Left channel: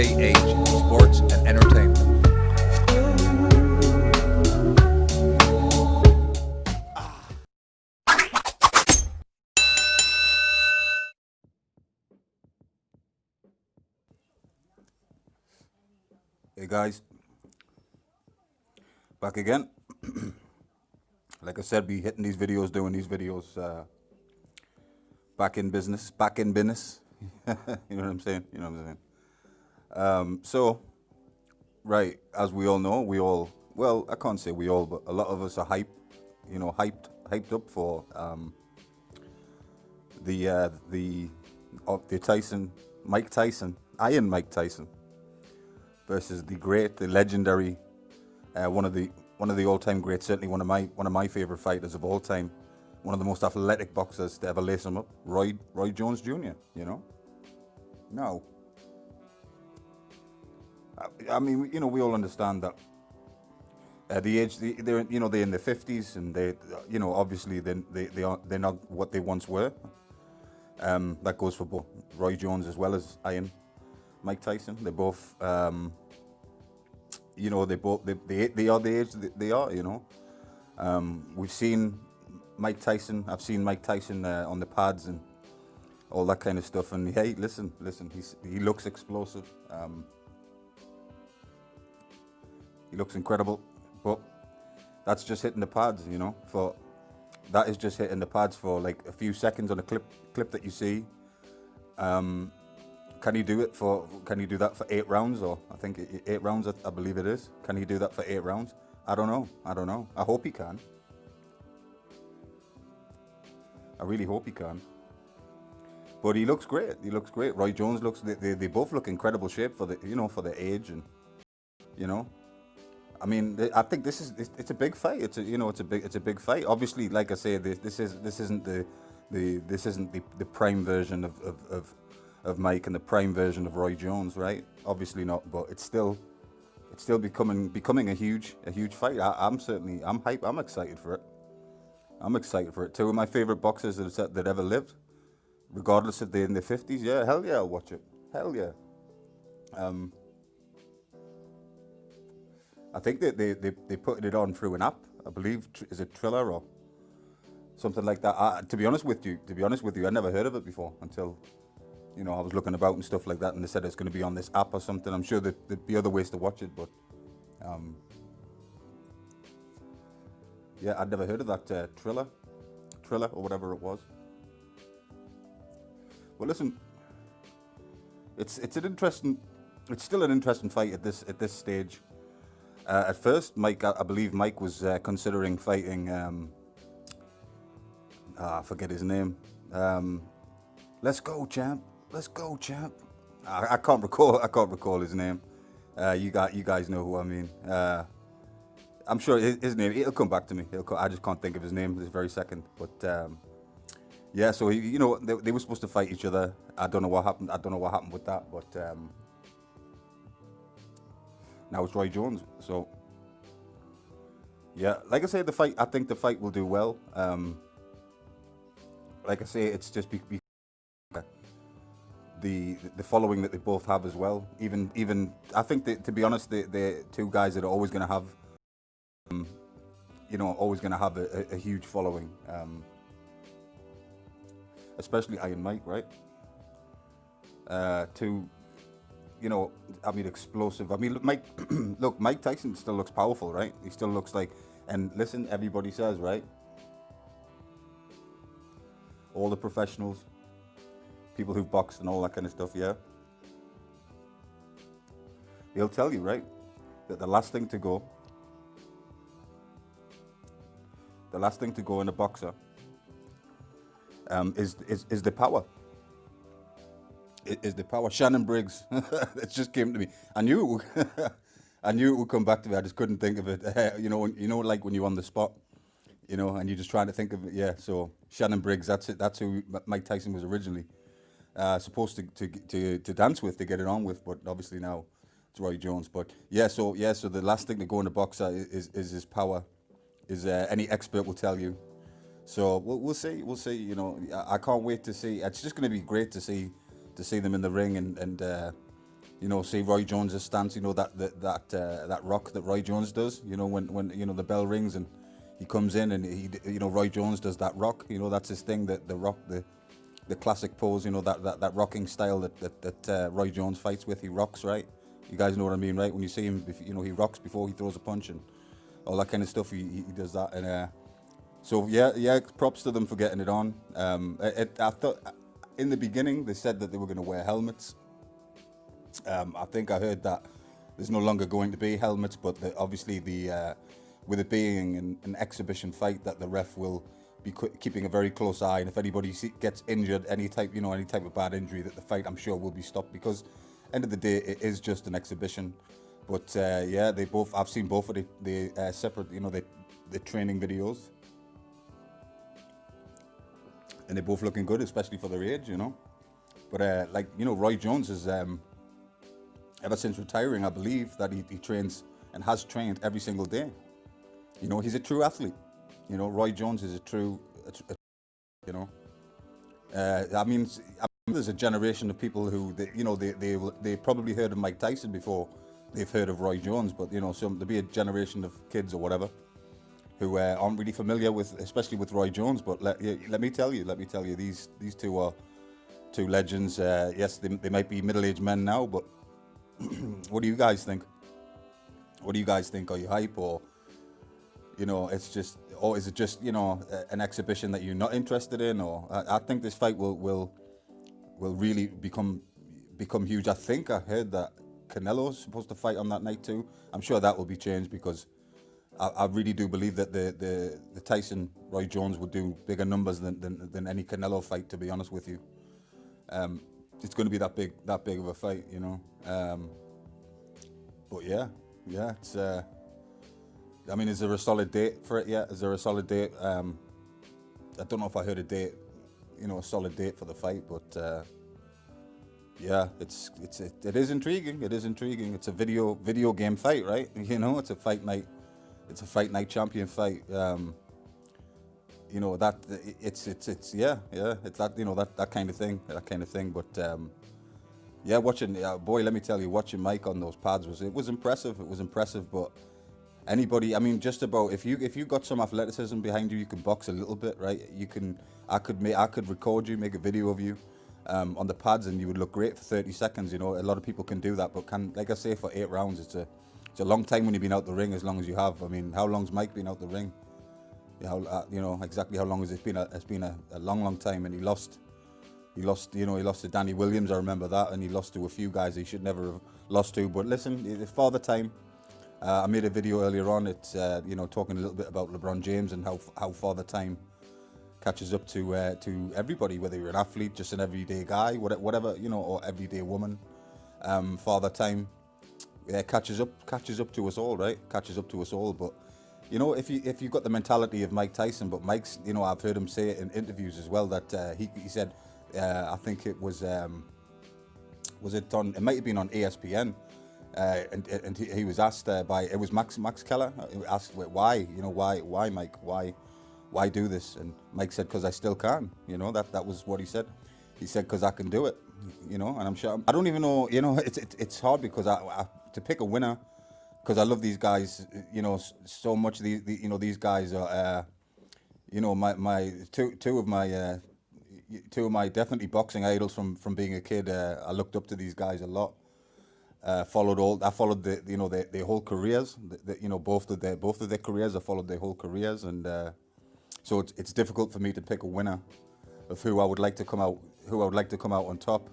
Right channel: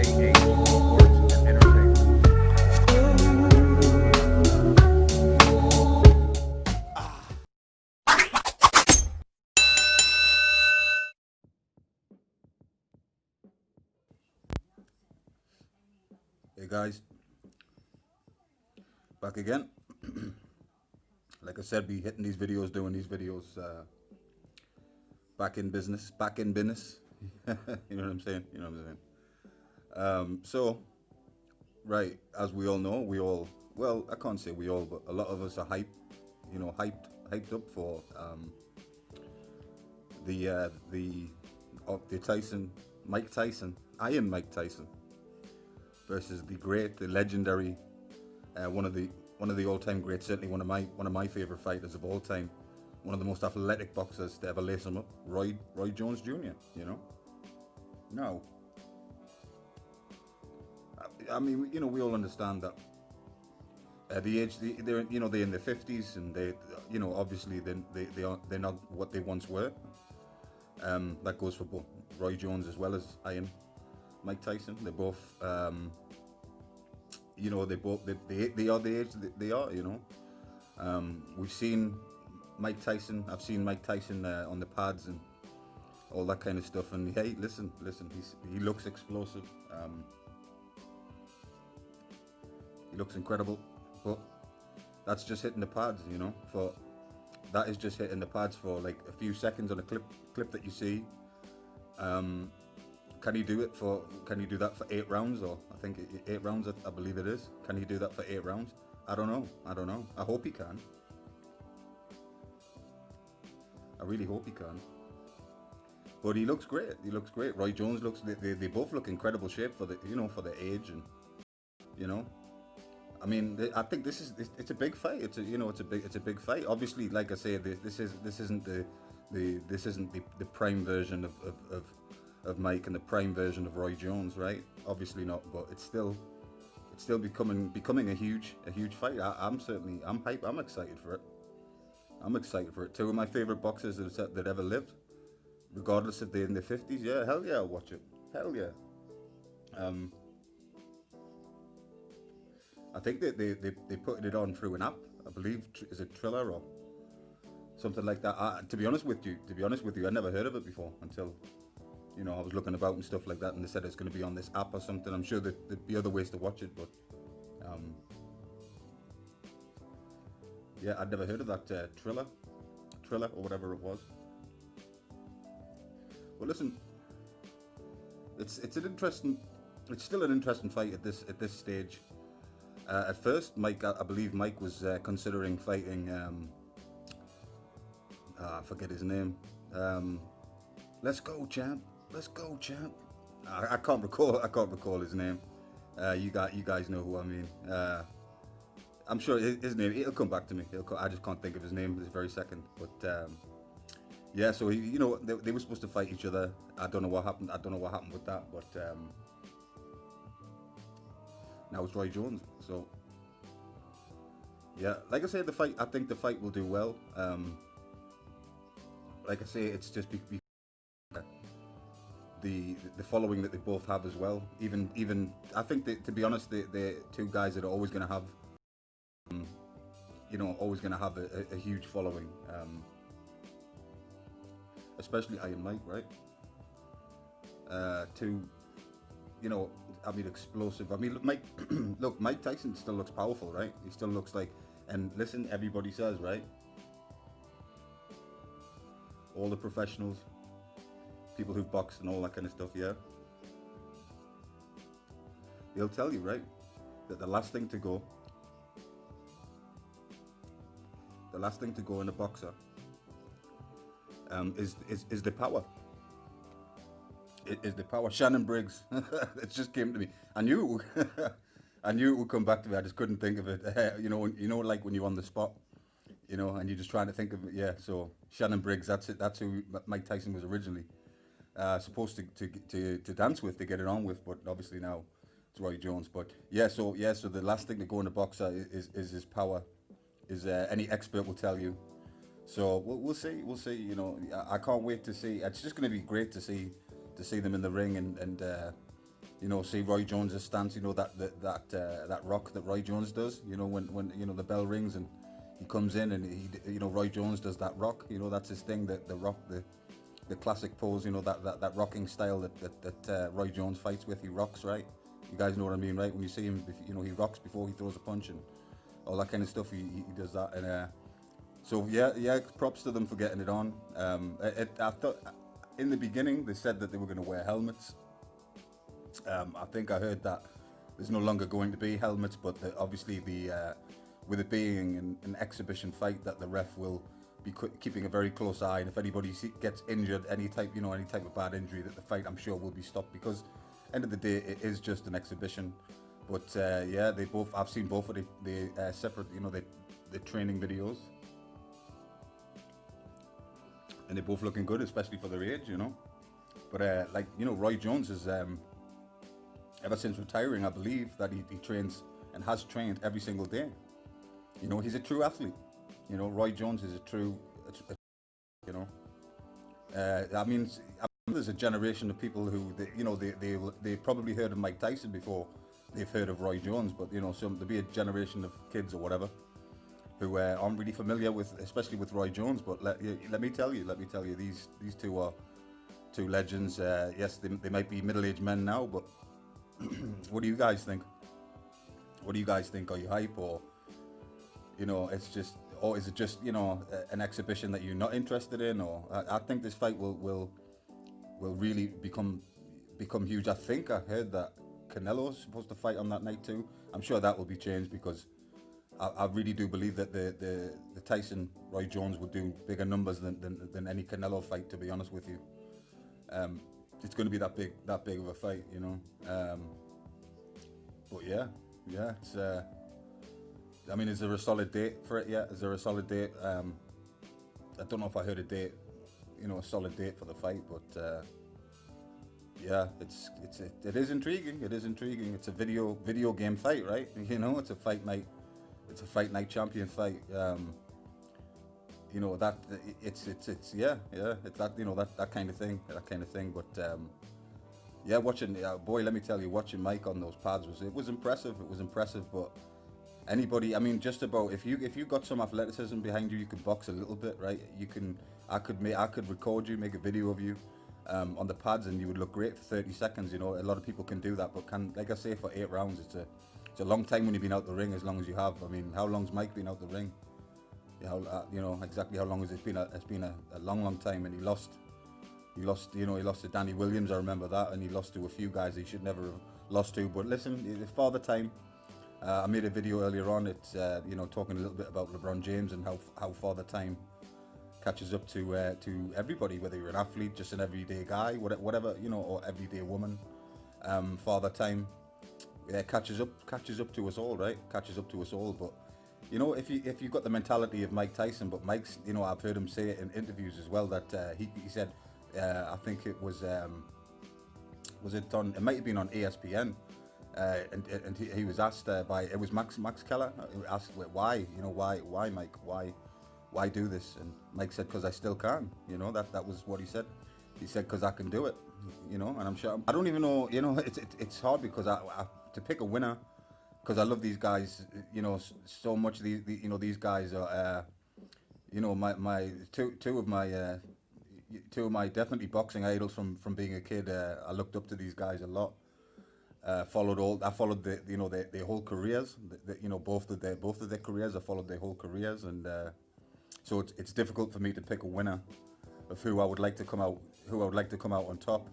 MJH Sports and Entertainment. Hey guys, back again. Like I said, be hitting these videos, doing these videos, back in business, back in business. You know what I'm saying? You know what I'm saying? So, right, as we all know, well, I can't say we all, but a lot of us are hyped up for the Tyson, Mike Tyson, Iron Mike Tyson versus the great, the legendary, one of the all-time greats, certainly one of my favorite fighters of all time, one of the most athletic boxers to ever lace him up, Roy Jones Jr. You know, now, I mean, we all understand that the age they're in their 50s, and obviously they're not what they once were. That goes for both Roy Jones as well as Iron Mike Tyson. They're both they are the age that they are. We've seen Mike Tyson. I've seen Mike Tyson on the pads and all that kind of stuff. And hey, listen, he looks explosive. He looks incredible, but that's just hitting the pads. That is just hitting the pads for like a few seconds on a clip that you see. Can he do that for 8 rounds? Or I think 8 rounds, I believe it is. Can he do that for 8 rounds? I don't know. I hope he can. I really hope he can. But he looks great. Roy Jones looks. They both look incredible shape for the age, and I mean, I think it's a big fight. It's a big fight. Obviously, like I say, this isn't the prime version of Mike and the prime version of Roy Jones, right? Obviously not, but it's still becoming a huge fight. I'm hyped. I'm excited for it. Two of my favorite boxers that ever lived, regardless if they're in their 50s. Yeah, hell yeah, I'll watch it. Hell yeah. I think they put it on through an app. I believe, is it Triller or something like that? To be honest with you, I never heard of it before until I was looking about and stuff like that, and they said it's going to be on this app or something. I'm sure there'd be other ways to watch it, but yeah, I'd never heard of that Triller or whatever it was. Well, listen, it's still an interesting fight at this stage. At first, Mike, I believe Mike was considering fighting. I forget his name. Let's go, champ. I can't recall his name. You guys know who I mean. I'm sure his name. It'll come back to me. I just can't think of his name this very second. But yeah, so they were supposed to fight each other. I don't know what happened with that. But now it's Roy Jones. So yeah, like I say, I think the fight will do well. Like I say, it's just the following that they both have as well. Even I think that, to be honest, they're two guys that are always going to have, a huge following. Especially Iron Mike, right? I mean, explosive. I mean, Mike, look, Mike Tyson still looks powerful, right? He still looks like, and listen, everybody says, right? All the professionals, people who've boxed and all that kind of stuff, yeah? They'll tell you, right, that the last thing to go in a boxer is the power. Is the power. Shannon Briggs. It just came to me. I knew it would come back to me. I just couldn't think of it. Like when you're on the spot, and you're just trying to think of it. Yeah. So Shannon Briggs. That's it. That's who Mike Tyson was originally supposed to dance with, to get it on with. But obviously now it's Roy Jones. But yeah. So the last thing to go in a boxer is his power. Is any expert will tell you. So we'll see. I can't wait to see. It's just going to be great to see them in the ring and See Roy Jones's stance. That rock that Roy Jones does. When the bell rings and he comes in and Roy Jones does that rock. That's his thing. That the rock, the classic pose. That rocking style that Roy Jones fights with. He rocks, right? You guys know what I mean, right? When you see him, he rocks before he throws a punch and all that kind of stuff. He does that, and so yeah. Props to them for getting it on. I thought in the beginning they said that they were going to wear helmets. I think I heard that there's no longer going to be helmets, but obviously with it being an exhibition fight, that the ref will be keeping a very close eye, and if anybody gets injured, any type of bad injury, that the fight, I'm sure, will be stopped, because end of the day it is just an exhibition. But I've seen both of the separate, the training videos, and they're both looking good, especially for their age, But Roy Jones is ever since retiring, I believe that he trains and has trained every single day. He's a true athlete. Roy Jones is a true, there's a generation of people who, they probably heard of Mike Tyson before they've heard of Roy Jones, but there'll be a generation of kids or whatever who aren't really familiar with, especially with Roy Jones. But let me tell you, these two are two legends. Yes, they might be middle-aged men now, but what do you guys think? Are you hype, or it's just, or is it just an exhibition that you're not interested in? Or I think this fight will really become huge. I think I heard that Canelo's supposed to fight on that night too. I'm sure that will be changed, because I really do believe that the Tyson Roy Jones would do bigger numbers than any Canelo fight, to be honest with you. It's going to be that big of a fight, but yeah, it's is there a solid date for it yet? Is there a solid date? I don't know if I heard a date, a solid date for the fight, but yeah, it is intriguing. It's a video game fight, right? It's a fight night. It's a fight night champion fight. That it's it's that that kind of thing. But watching, boy, let me tell you, watching Mike on those pads was impressive. But anybody, just about, if you got some athleticism behind you, you can box a little bit, right? I could record you, make a video of you on the pads, and you would look great for 30 seconds. A lot of people can do that, but like I say, for 8 rounds, it's a long time when you've been out the ring, as long as you have. How long's Mike been out the ring? Exactly how long has it been? It's been a long time, and he lost to Danny Williams, I remember that, and he lost to a few guys he should never have lost to. But listen, it's Father Time. I made a video earlier on. It's talking a little bit about LeBron James and how Father Time catches up to everybody, whether you're an athlete, just an everyday guy, whatever, or everyday woman. Father Time catches up to us all, right? Catches up to us all. But if you've got the mentality of Mike Tyson, but Mike's, I've heard him say it in interviews as well, that he said, I think it was it on? It might have been on ESPN, and he was asked by, it was Max Keller, asked why, why Mike, why do this? And Mike said, because I still can. That was what he said. He said, because I can do it. And I'm sure, I don't even know. It's hard, because I to pick a winner, because I love these guys, so much. These guys are, my two of my definitely boxing idols from being a kid. I looked up to these guys a lot. I followed their whole careers. Both of their careers. I followed their whole careers, and so it's difficult for me to pick a winner of who I would like to come out on top.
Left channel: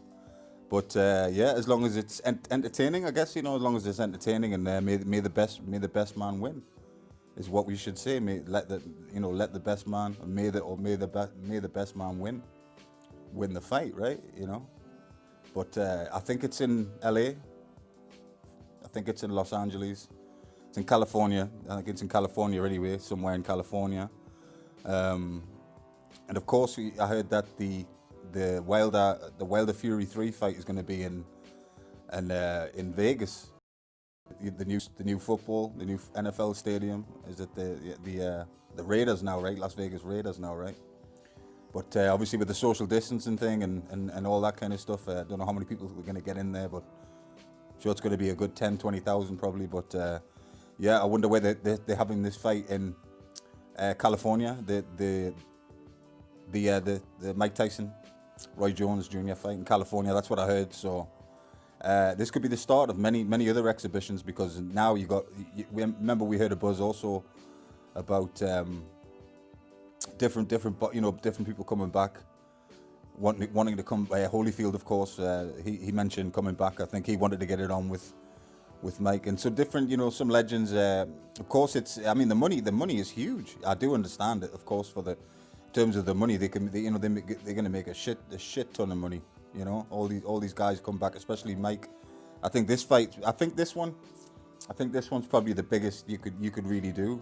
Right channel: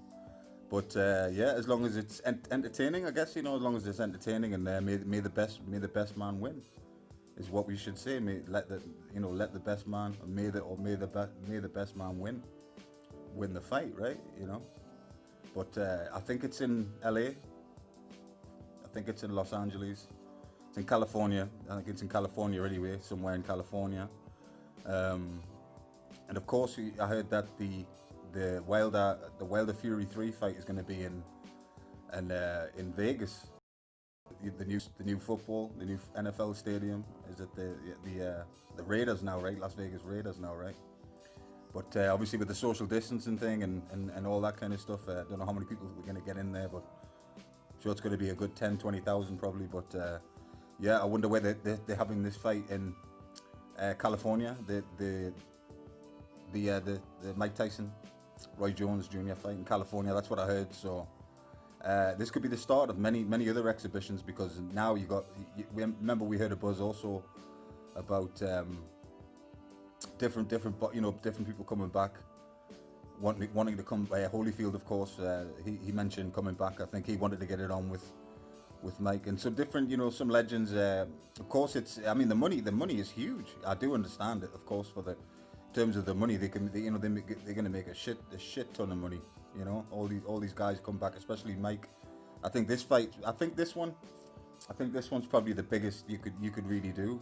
But as long as it's entertaining, I guess, as long as it's entertaining, and may the best man win, is what we should say. Let the best man, may the best man win the fight, right? But I think it's in LA. I think it's in Los Angeles. It's in California. I think it's in California anyway, somewhere in California. And of course, I heard that the Wilder Fury 3 fight is going to be in Vegas. The new football, the new NFL stadium. Is it the Raiders now, right? Las Vegas Raiders now, right? But obviously with the social distancing thing and all that kind of stuff, I don't know how many people are going to get in there, but Sure, it's going to be a good 10, 20,000 probably. But yeah, I wonder whether they're having this fight in California. The Mike Tyson, Roy Jones Jr. fight in California. That's what I heard. So this could be the start of many other exhibitions, because now remember we heard a buzz also about different people coming back, wanting to come. Holyfield, of course, he mentioned coming back. I think he wanted to get it on with Mike, and so different, some legends. Of course, the money is huge. I do understand it, of course, in terms of the money they're going to make a shit ton of money. All these guys come back, especially Mike. I think this one's probably the biggest you could really do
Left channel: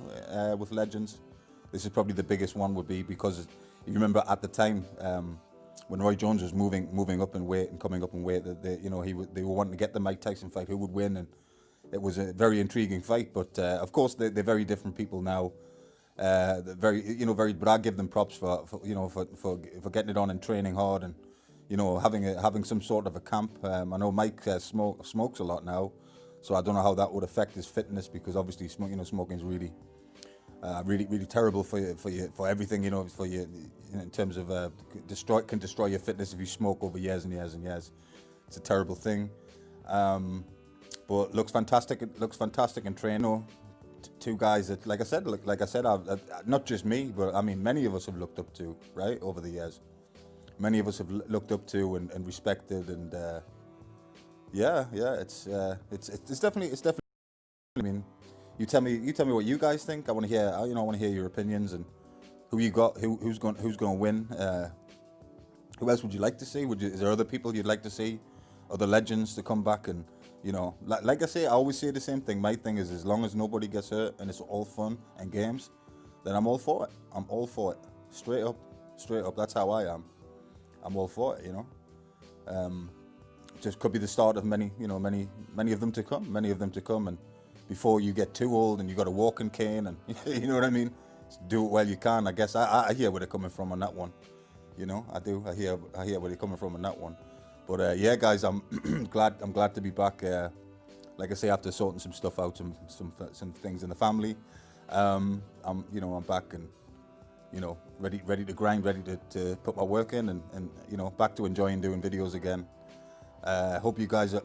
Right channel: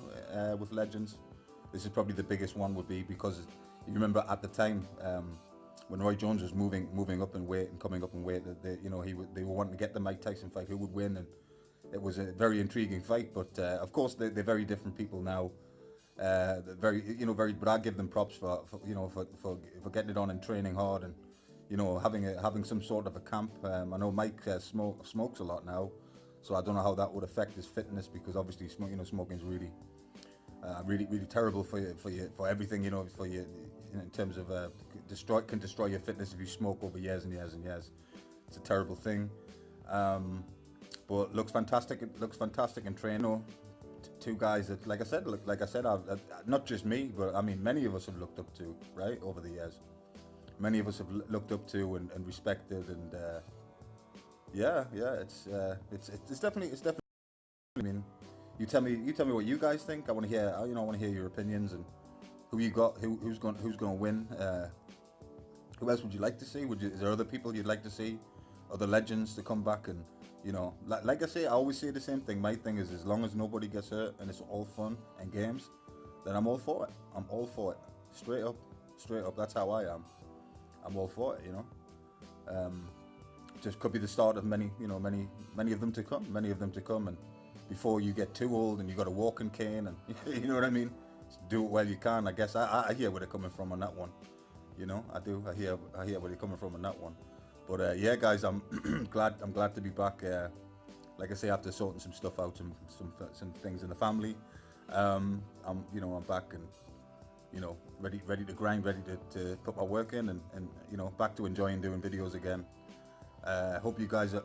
with legends. This is probably the biggest one would be, because you remember at the time when Roy Jones was moving up in weight and coming up in weight, they were wanting to get the Mike Tyson fight, who would win, and it was a very intriguing fight. But of course they're very different people now. But I give them props for getting it on and training hard, and having some sort of a camp. I know Mike smokes a lot now, so I don't know how that would affect his fitness, because obviously smoking is really terrible for everything. In terms of can destroy your fitness if you smoke over years and years and years. It's a terrible thing. But looks fantastic. It looks fantastic in training. Two guys that, like I said, I've not just me, but I mean many of us have looked up to, right, over the years. Many of us have looked up to and respected, and it's definitely. I mean, you tell me what you guys think. I want to hear. I want to hear your opinions, and who you got, who's going to win. Who else would you like to see? Is there other people you'd like to see, other legends to come back? And like I say, I always say the same thing. My thing is, as long as nobody gets hurt and it's all fun and games, then I'm all for it. I'm all for it. Straight up. That's how I am. I'm all for it. Just could be the start of many of them to come. And before you get too old and you got a walking cane, and you know what I mean, do it while you can. I guess I hear where they're coming from on that one. I do. I hear where they're coming from on that one. But yeah, guys, I'm glad to be back. Like I say, after sorting some stuff out, some things in the family, I'm back and ready to grind, ready to put my work in, and back to enjoying doing videos again. Hope you guys are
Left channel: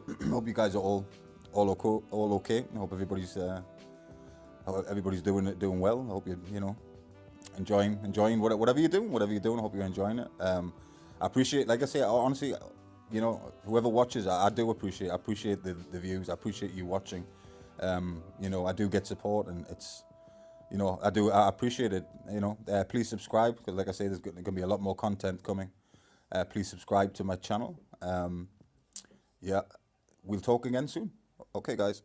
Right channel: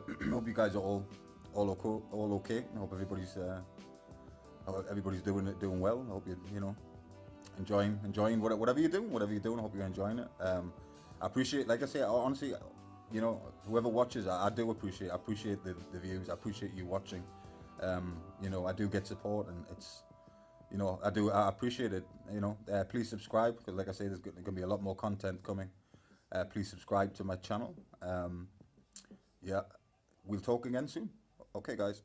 all okay. I hope everybody's doing well. I hope you're enjoying whatever you're doing. I hope you're enjoying it. I appreciate, like I say, honestly, whoever watches, I do appreciate the views. I appreciate you watching. I do get support, and it's I appreciate it. Please subscribe, because like I say, there's going to be a lot more content coming. Please subscribe to my channel. Yeah, we'll talk again soon. Okay, guys.